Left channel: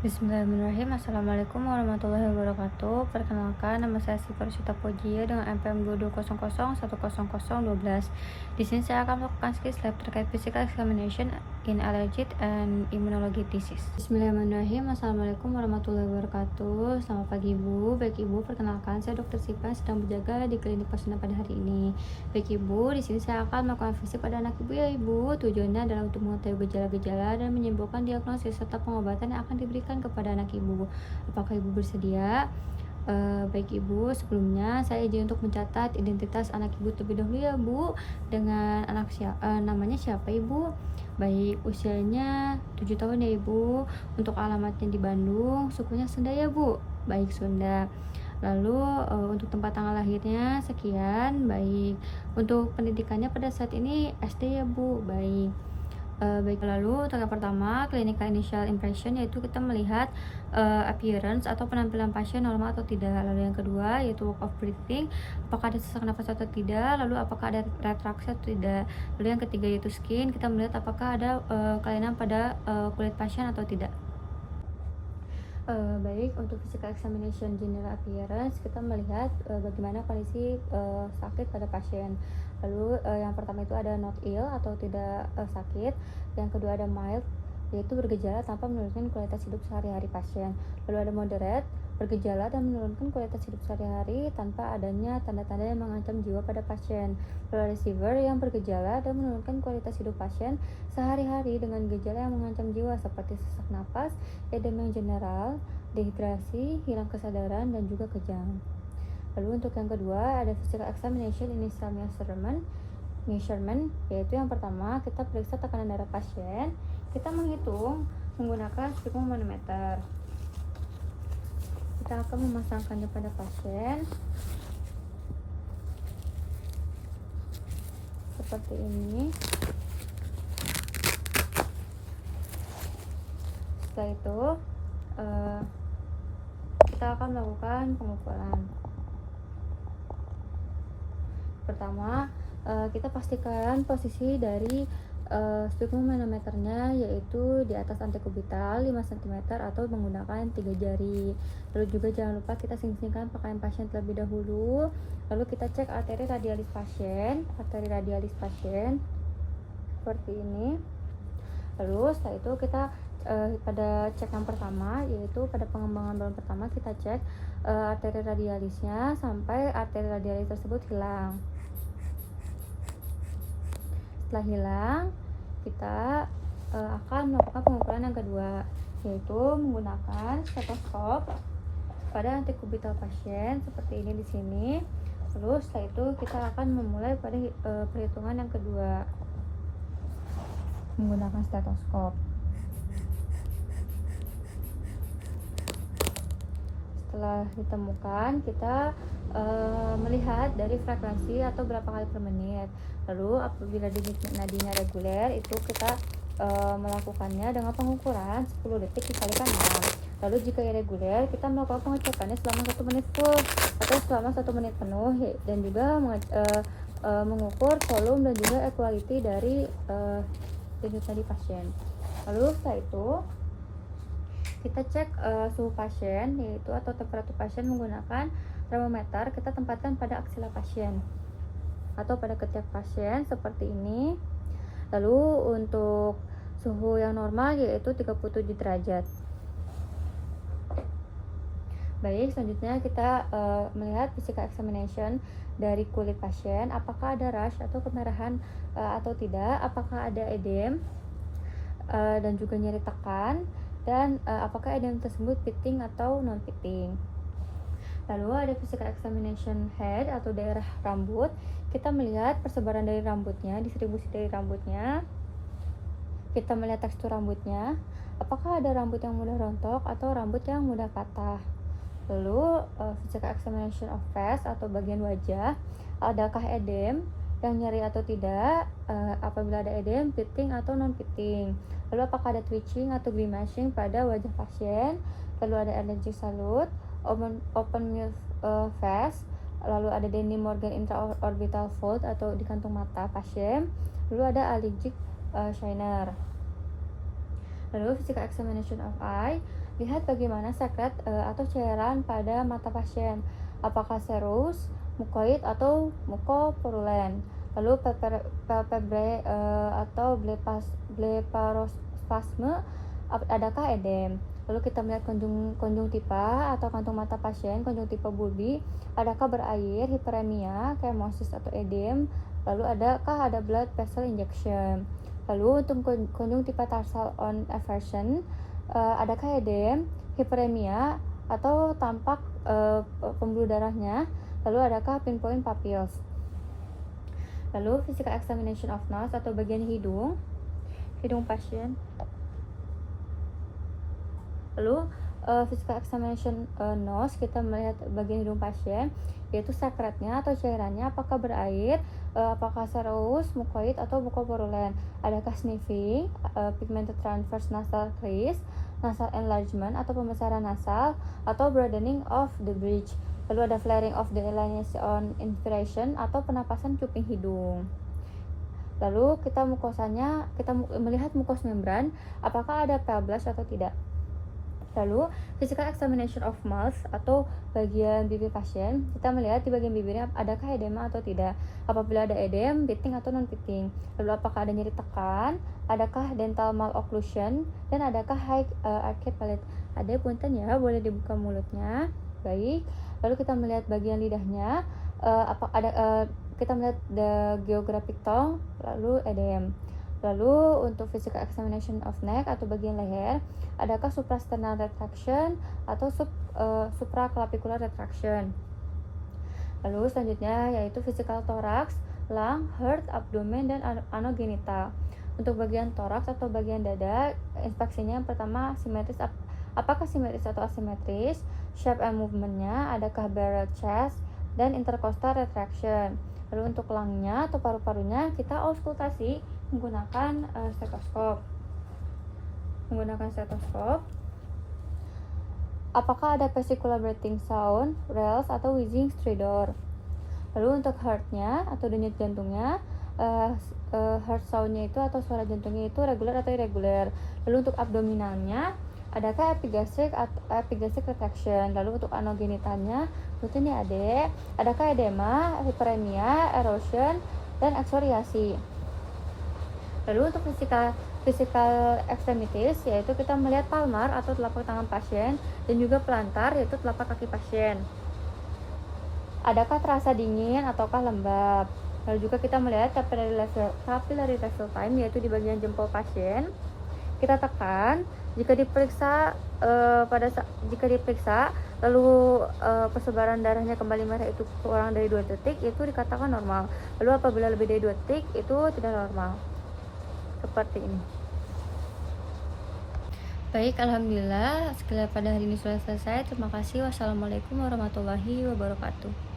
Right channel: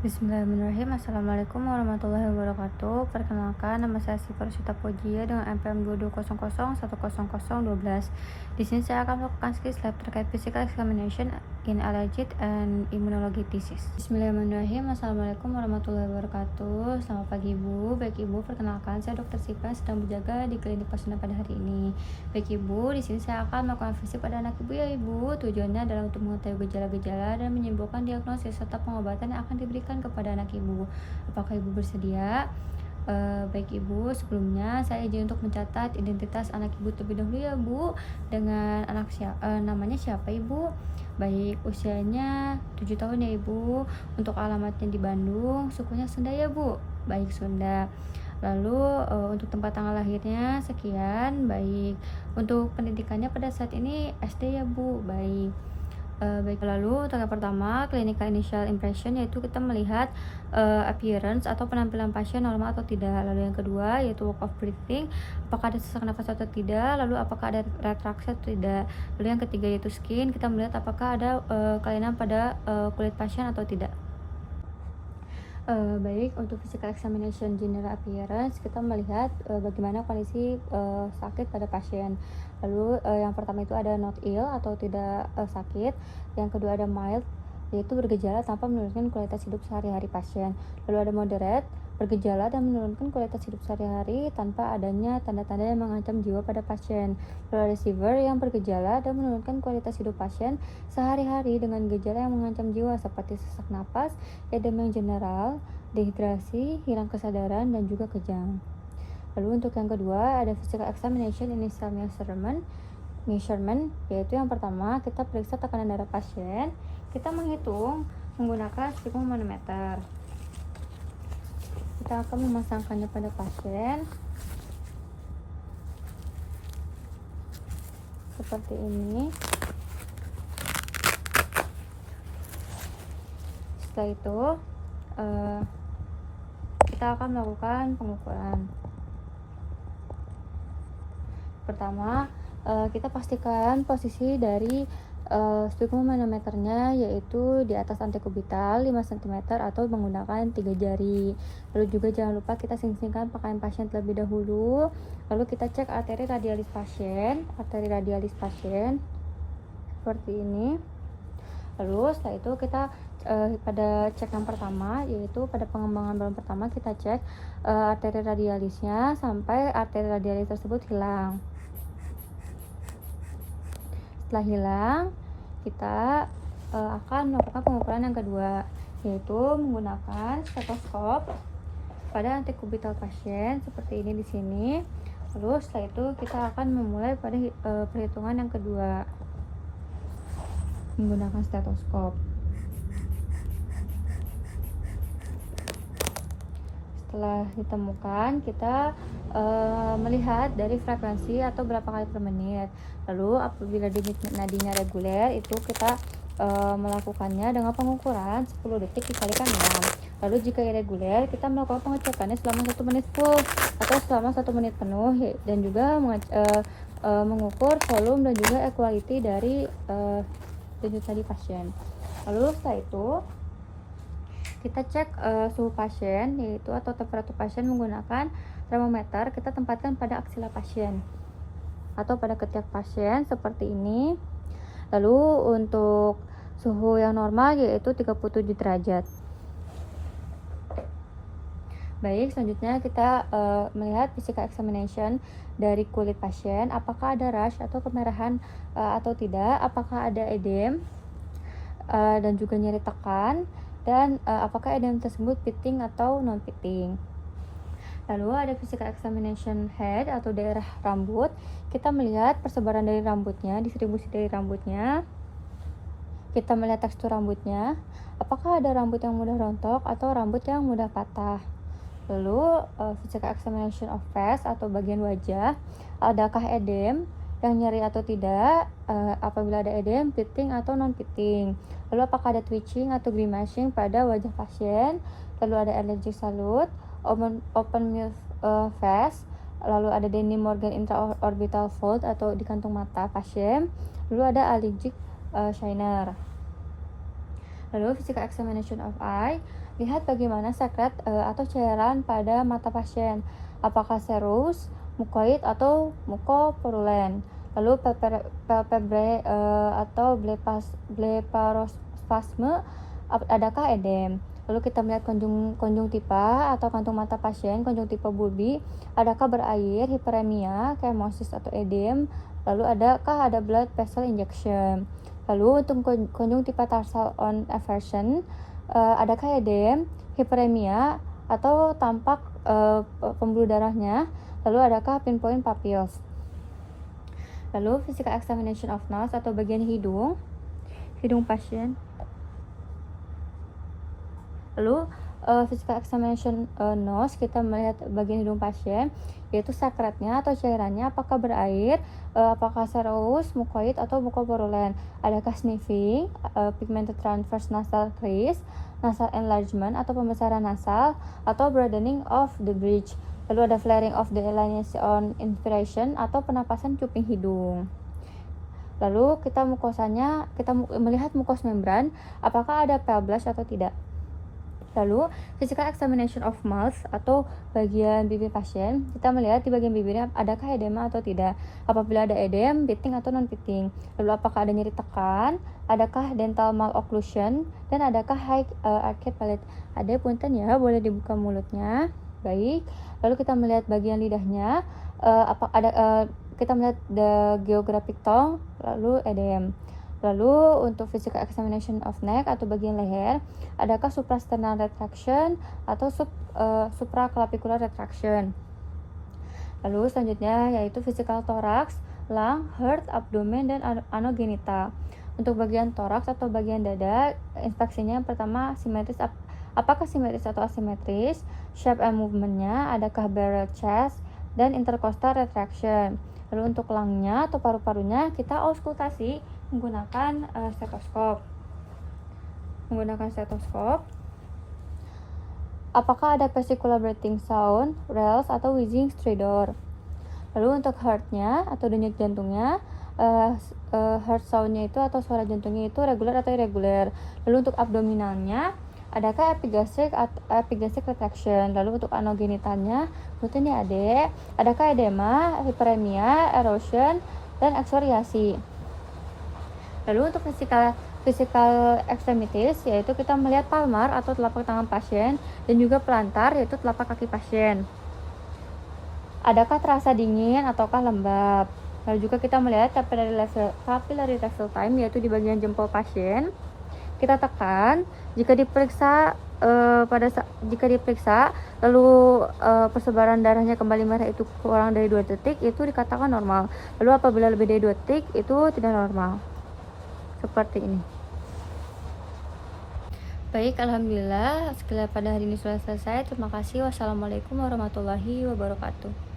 Bismillahirrahmanirrahim. Assalamualaikum warahmatullahi wabarakatuh. Perkenalkan, nama saya Syifa Rosita Pojia dengan NPM 2200100012. Di sini saya akan melakukan skill lab terkait physical examination in allergic and immunology disease. Bismillahirrahmanirrahim. Assalamualaikum warahmatullahi wabarakatuh. Selamat pagi Ibu. Baik Ibu, perkenalkan saya Dr. Syifa yang sedang berjaga di klinik pasien pada hari ini. Baik Ibu, di sini saya akan melakukan visip pada anak Ibu ya Ibu. Tujuannya adalah untuk mengetahui gejala-gejala dan menyimpulkan diagnosis serta pengobatan yang akan diberikan kepada anak Ibu. Apakah Ibu bersedia? Baik Ibu, sebelumnya saya izin untuk mencatat identitas anak Ibu terlebih dahulu ya Bu. Dengan namanya siapa Ibu? Baik, usianya 7 tahun ya Ibu. Untuk alamatnya di Bandung, sukunya Sunda ya Bu. Baik, Sunda. Lalu untuk tempat tanggal lahirnya sekian. Baik, untuk pendidikannya pada saat ini SD ya Bu. Baik. Baik, lalu tahap pertama clinical initial impression, yaitu kita melihat appearance atau penampilan pasien normal atau tidak. Lalu yang kedua yaitu work of breathing, apakah ada sesak nafas atau tidak, lalu apakah ada retraksi atau tidak. Lalu yang ketiga yaitu skin, kita melihat apakah ada kelainan pada kulit pasien atau tidak. Baik, untuk physical examination general appearance kita melihat bagaimana kondisi sakit pada pasien. Lalu yang pertama itu ada not ill atau tidak sakit. Yang kedua ada mild, yaitu bergejala tanpa menurunkan kualitas hidup sehari-hari pasien. Lalu ada moderate, bergejala dan menurunkan kualitas hidup sehari-hari tanpa adanya tanda-tanda yang mengancam jiwa pada pasien. Lalu ada severe, yang bergejala dan menurunkan kualitas hidup pasien sehari-hari dengan gejala yang mengancam jiwa seperti sesak napas, edema yang general, dehidrasi, hilang kesadaran, dan juga kejang. Lalu untuk yang kedua ada physical examination initial measurement, yaitu yang pertama kita periksa tekanan darah pasien. Kita menghitung menggunakan sphygmomanometer. Kita akan memasangkannya pada pasien seperti ini. Setelah itu kita akan melakukan pengukuran. Pertama, kita pastikan posisi dari sphygmomanometernya, yaitu di atas antekubital 5 cm atau menggunakan 3 jari. Lalu juga jangan lupa kita sing-singkan pakaian pasien terlebih dahulu. Lalu kita cek arteri radialis pasien seperti ini. Lalu setelah itu kita pada cek yang pertama, yaitu pada pengembangan balon pertama, kita cek arteri radialisnya sampai arteri radialis tersebut hilang. Setelah hilang, kita akan melakukan pengukuran yang kedua, yaitu menggunakan stetoskop pada antekubital pasien seperti ini di sini. Terus setelah itu kita akan memulai pada perhitungan yang kedua menggunakan stetoskop. Setelah ditemukan, kita melihat dari frekuensi atau berapa kali per menit. Lalu apabila nadinya reguler, itu kita melakukannya dengan pengukuran 10 detik dikalikan 6. Lalu jika irreguler, kita melakukan pengecekannya selama 1 menit full atau selama 1 menit penuh, dan juga mengukur volume dan juga equality dari denyut nadi pasien. Lalu setelah itu kita cek suhu pasien, yaitu atau temperatur pasien menggunakan termometer. Kita tempatkan pada aksila pasien atau pada ketiak pasien seperti ini. Lalu untuk suhu yang normal yaitu 37 derajat. Baik, selanjutnya kita melihat physical examination dari kulit pasien, apakah ada rash atau kemerahan atau tidak, apakah ada edem dan juga nyeri tekan, dan apakah edem tersebut pitting atau non pitting. Lalu ada physical examination head atau daerah rambut. Kita melihat persebaran dari rambutnya, distribusi dari rambutnya. Kita melihat tekstur rambutnya, apakah ada rambut yang mudah rontok atau rambut yang mudah patah. Lalu physical examination of face atau bagian wajah, adakah edem yang nyeri atau tidak, apabila ada edem, pitting atau non pitting. Lalu apakah ada twitching atau grimacing pada wajah pasien. Lalu ada allergic salute, open mouth face. Lalu ada Denny Morgan intraorbital fold atau di kantung mata pasien. Lalu ada allergic shiner. Lalu physical examination of eye, Lihat bagaimana sekret atau cairan pada mata pasien, apakah serus, mukoid, atau mukopurulen. Lalu palpebre atau blefarospasme, adakah edem. Lalu kita melihat konjungtiva atau kantung mata pasien, konjungtiva bulbi, adakah berair, hiperemia, kemosis atau edem. Lalu adakah ada blood vessel injection. Lalu untuk konjungtiva tarsal on eversion, adakah edem, hiperemia, atau tampak pembuluh darahnya. Lalu adakah pinpoint pupils. Lalu physical examination of nose atau bagian hidung pasien. Lalu physical examination nose, kita melihat bagian hidung pasien, yaitu sekretnya atau cairannya apakah berair, apakah serous, mukoid, atau mukopurulen. Adakah sniffing, pigmented transverse nasal crease, nasal enlargement atau pembesaran nasal, atau broadening of the bridge. Lalu ada flaring of the larynx on inspiration atau penapasan cuping hidung. Lalu kita melihat mukos membran, apakah ada pale blush atau tidak. Lalu physical examination of mouth atau bagian bibir pasien, kita melihat di bagian bibirnya adakah edema atau tidak. Apabila ada edem, pitting atau non pitting. Lalu apakah ada nyeri tekan, adakah dental malocclusion, dan adakah high arched palate. Ada punten ya, boleh dibuka mulutnya. Baik. Lalu kita melihat bagian lidahnya, kita melihat the geographic tongue, lalu edem. Lalu untuk physical examination of neck atau bagian leher, adakah suprasternal retraction atau supraclavicular retraction. Lalu selanjutnya yaitu physical thorax, lung, heart, abdomen, dan anogenital. Untuk bagian thorax atau bagian dada, inspeksinya yang pertama simetris, apakah simetris atau asimetris, shape and movementnya, adakah barrel chest, dan intercostal retraction. Lalu untuk lungnya atau paru-parunya, kita auskultasi menggunakan stetoskop. Apakah ada vesicular breathing sound, rales, atau wheezing stridor. Lalu untuk heartnya atau denyut jantungnya, heart soundnya itu atau suara jantungnya itu regular atau irregular. Lalu untuk abdominalnya, adakah epigastric retraction. Lalu untuk anogenitalnya, butuhnya adakah edema, hiperemia, erosion, dan eksfoliasi. Lalu untuk physical extremities, yaitu kita melihat palmar atau telapak tangan pasien, dan juga plantar, yaitu telapak kaki pasien. Adakah terasa dingin ataukah lembab. Lalu juga kita melihat capillary level time, yaitu di bagian jempol pasien. Kita tekan, jika diperiksa lalu persebaran darahnya kembali merah itu kurang dari 2 detik, itu dikatakan normal. Lalu apabila lebih dari 2 detik, itu tidak normal. Seperti ini. Baik, alhamdulillah, sekilas pada hari ini sudah selesai. Terima kasih. Wassalamualaikum warahmatullahi wabarakatuh.